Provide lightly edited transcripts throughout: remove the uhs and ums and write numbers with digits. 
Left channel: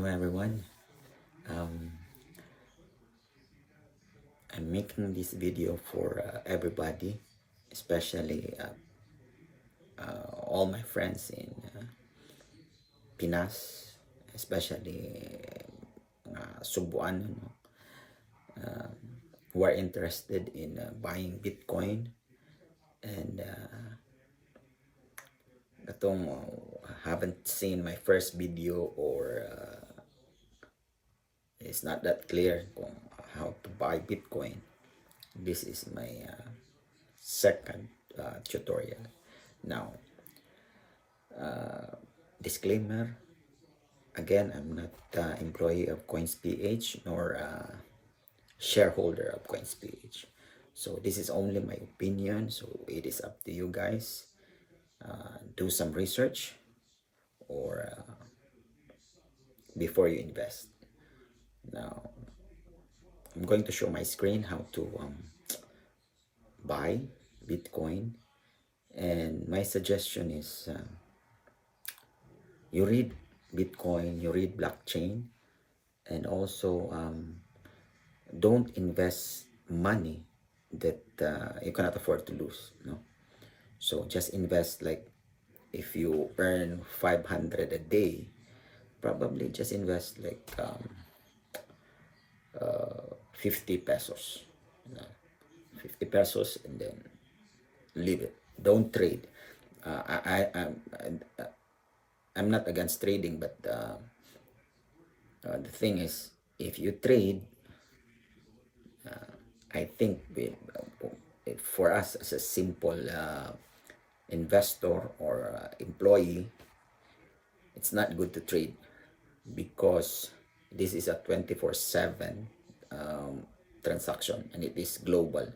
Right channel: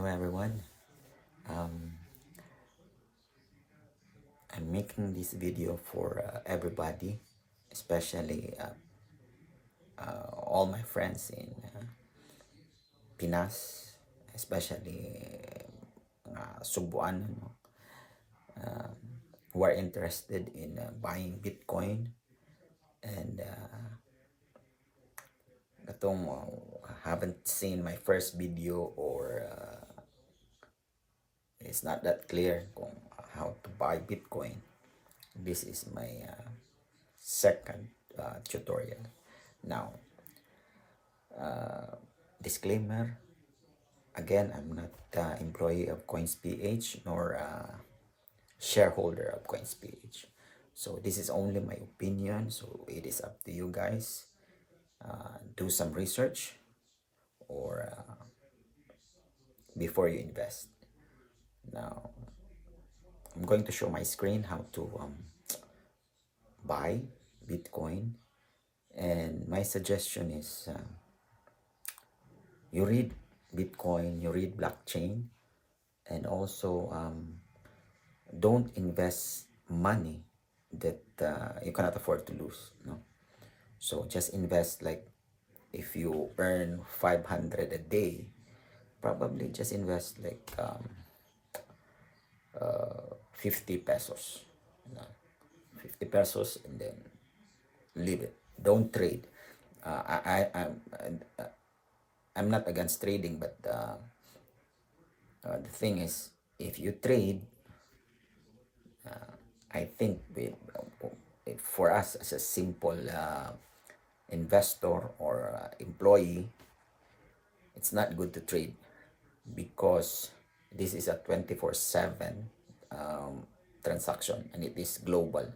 Hello everyone. Um, I'm making this video for everybody, especially all my friends in Pinas, especially Subuan, who are interested in buying Bitcoin and haven't seen my first video or it's not that clear kung how to buy Bitcoin. This is my second tutorial. Now, disclaimer, again, I'm not employee of CoinsPH nor shareholder of CoinsPH. So this is only my opinion, so it is up to you guys. Do some research or before you invest. Now, I'm going to show my screen how to buy Bitcoin, and my suggestion is you read Bitcoin, you read blockchain, and also don't invest money that you cannot afford to lose. No, so just invest, like if you earn 500 a day, probably just invest like 50 pesos, you know, 50 pesos, and then leave it. Don't trade. I'm not against trading, but the thing is, if you trade, I think for us as a simple investor or employee, it's not good to trade because this is a 24/7 transaction and it is global.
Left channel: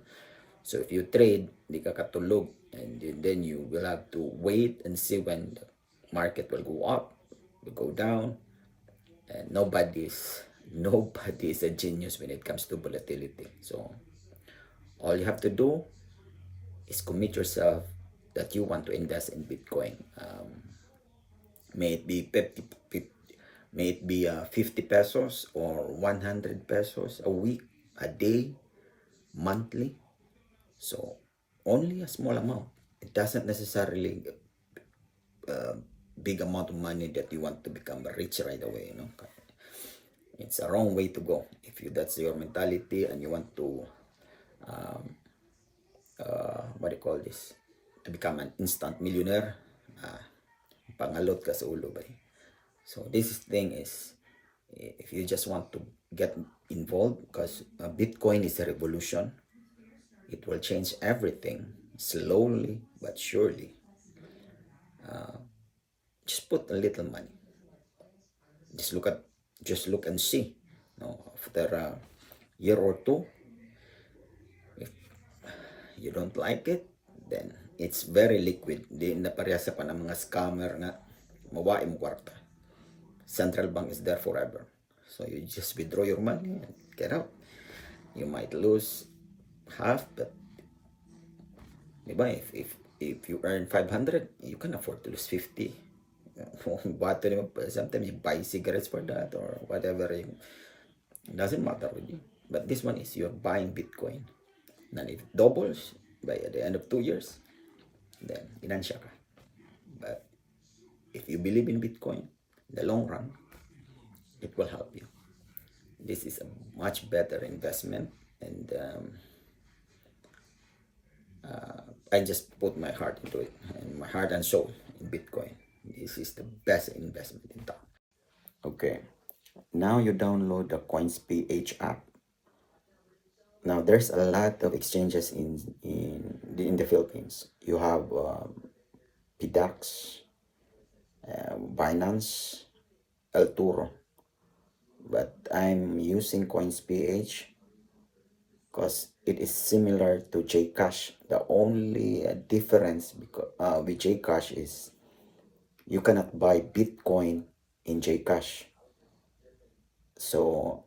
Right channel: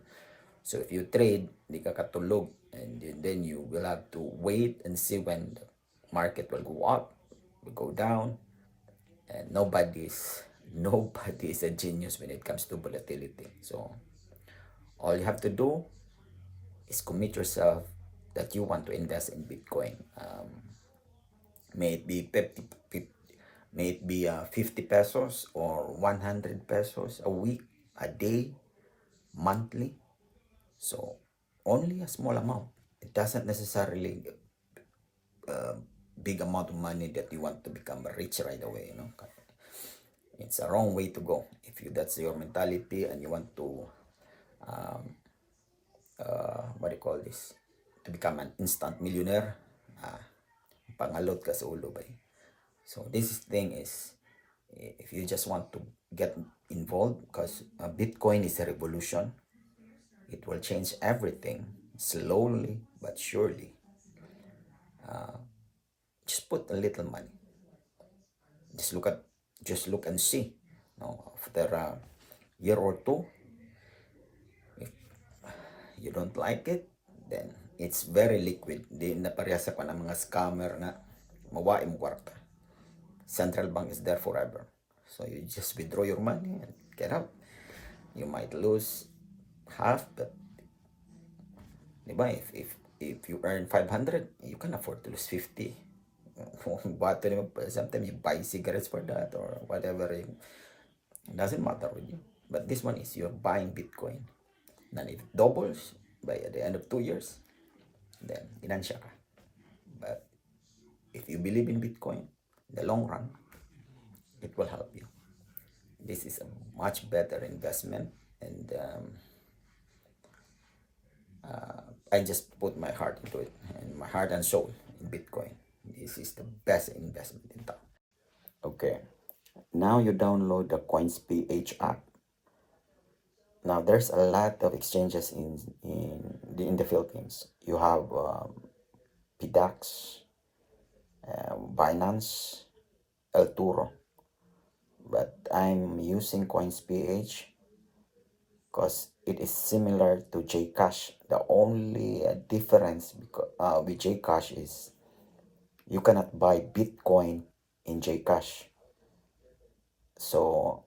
So if you trade, di ka katulog, and then you will have to wait and see when the market will go up, will go down, and nobody is a genius when it comes to volatility. So all you have to do is commit yourself that you want to invest in Bitcoin. May it be 50 pesos or 100 pesos a week, a day, monthly. So only a small amount. It doesn't necessarily big amount of money that you want to become rich right away. It's a wrong way to go. If that's your mentality and you want to what do you call this, to become an instant millionaire, pangalot ka sa ulo ba. So this thing is, if you just want to get involved, because Bitcoin is a revolution, it will change everything slowly but surely. Just put a little money. Just look and see. After a year or two, if you don't like it, then it's very liquid. Di na parehasa pa ng mga scammer nga mawain mo kwarta. Central bank is there forever. So you just withdraw your money and get out. You might lose half, but diba, if you earn 500, you can afford to lose 50. But sometimes you buy cigarettes for that or whatever. It doesn't matter with you. But this one is you're buying Bitcoin. And if it doubles by the end of 2 years, then ginansya ka. But if you believe in Bitcoin, in the long run, it will help you. This is a much better investment, and I just put my heart into it, and my heart and soul in Bitcoin. This is the best investment in town. Okay, now you download the CoinsPH app. Now there's a lot of exchanges in the Philippines. You have PDAX, Binance, El Turo, but I'm using CoinsPH because it is similar to Jcash. The only difference with Jcash is you cannot buy Bitcoin in Jcash. So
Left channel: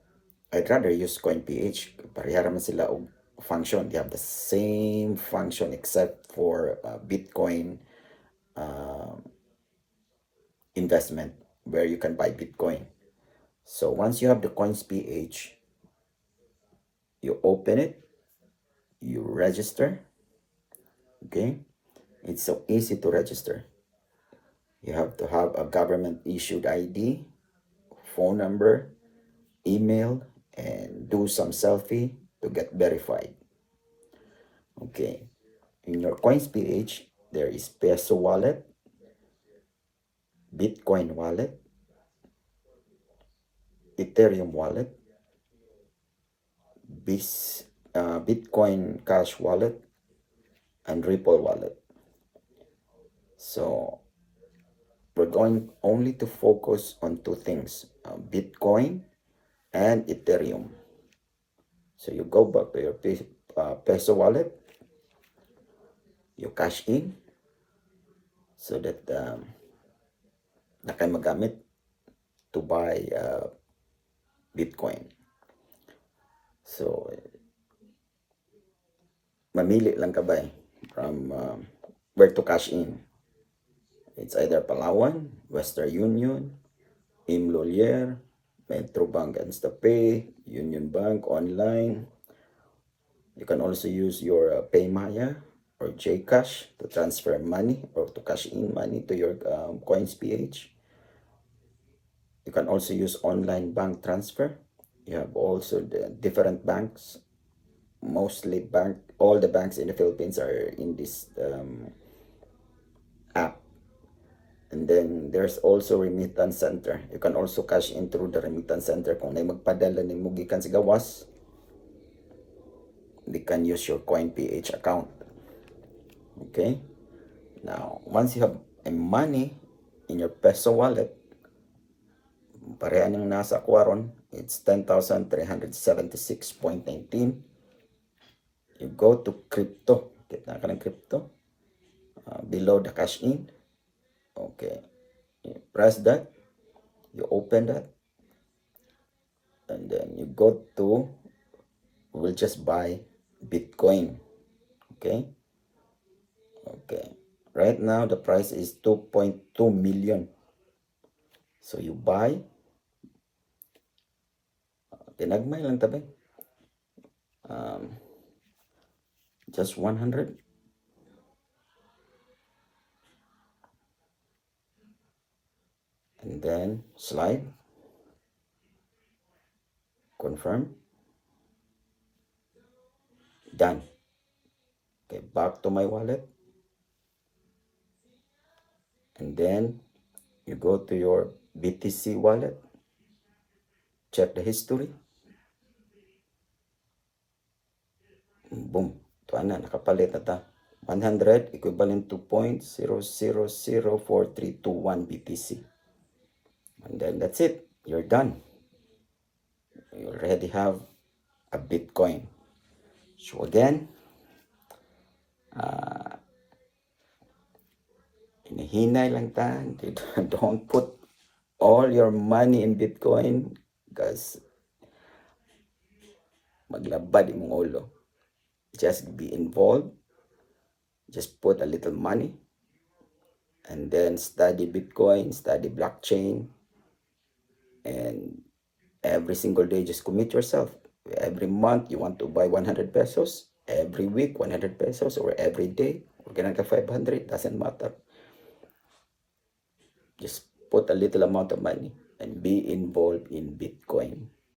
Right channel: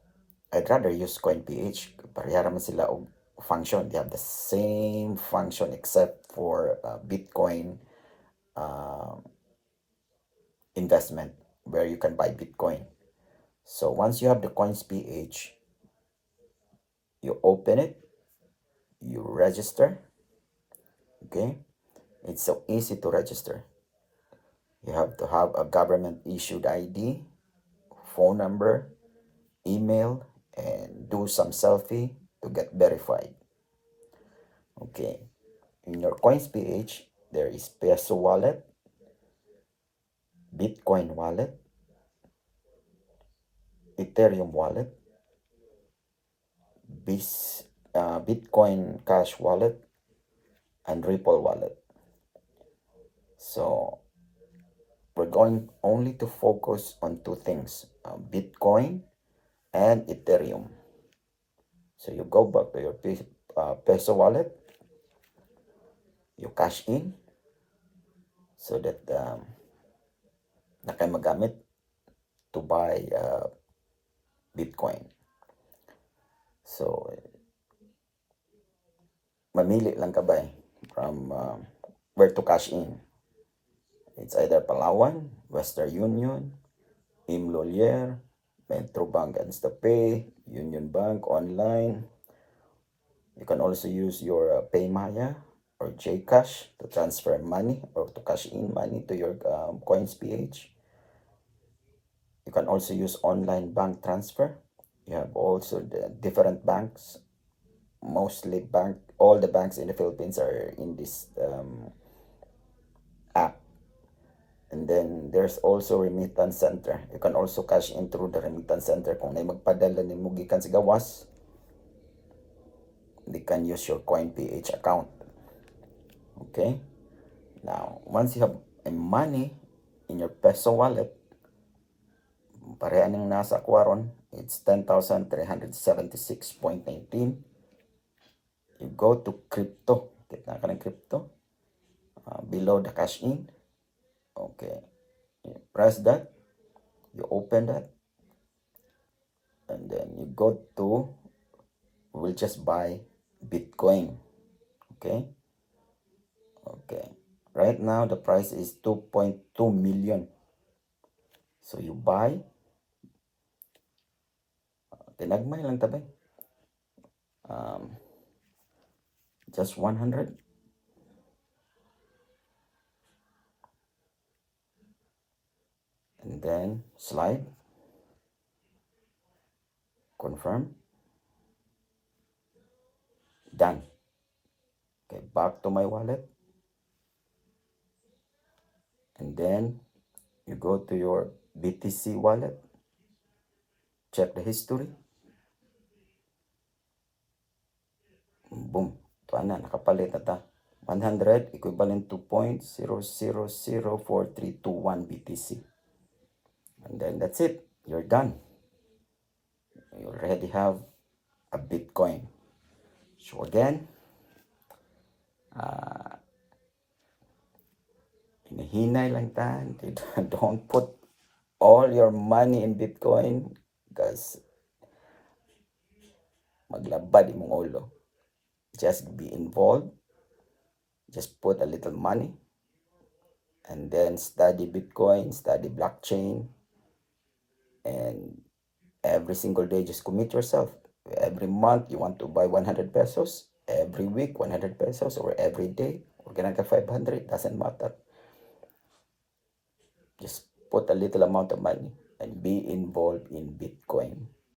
I'd rather use CoinPH. Pareha naman sila og function. They have the same function except for Bitcoin investment, where you can buy Bitcoin. So once you have the coins PH, you open it, you register. Okay, it's so easy to register. You have to have a government issued ID, phone number, email, and do some selfie to get verified. Okay, in your coins PH, there is peso wallet, Bitcoin wallet, Ethereum wallet, Bitcoin Cash wallet, and Ripple wallet. So we're going only to focus on two things, Bitcoin and Ethereum. So you go back to your peso wallet, you cash in so that na kayo magamit to buy Bitcoin. So mamili lang ka ba from where to cash in. It's either Palawan, Western Union, Imlolier, Metro Bank Instapay, Union Bank online. You can also use your Paymaya or Gcash to transfer money or to cash in money to your coins PH. You can also use online bank transfer. You have also the different banks. Mostly all the banks in the Philippines are in this app. And then there's also remittance center. You can also cash in through the remittance center. Kung may magpadala ni mo gikan sa gawas, they can use your coin PH account. Okay, now once you have a money in your peso wallet, pareha ning nasa akwaron, it's 10,376.19. You go to crypto, kita ka ng crypto, below the cash in. Okay, you press that, you open that, and then you go to, we'll just buy Bitcoin. Okay, right now the price is 2.2 million. So you buy, tinagmay lang tabay, just 100. And then slide, confirm, done. Okay, back to my wallet, and then you go to your BTC wallet, check the history, boom, ito na, nakapalit na ta. 100 equivalent to 0.000431 BTC. And then that's it, you're done. You already have a Bitcoin. So again, hinahinay lang ta. Don't put all your money in Bitcoin because maglabad imong ulo. Just be involved. Just put a little money and then study Bitcoin, study blockchain, and every single day just commit yourself. Every month you want to buy 100 pesos, every week 100 pesos, or every day, or ganun ka 500, doesn't matter. Just put a little amount of money and be involved in Bitcoin.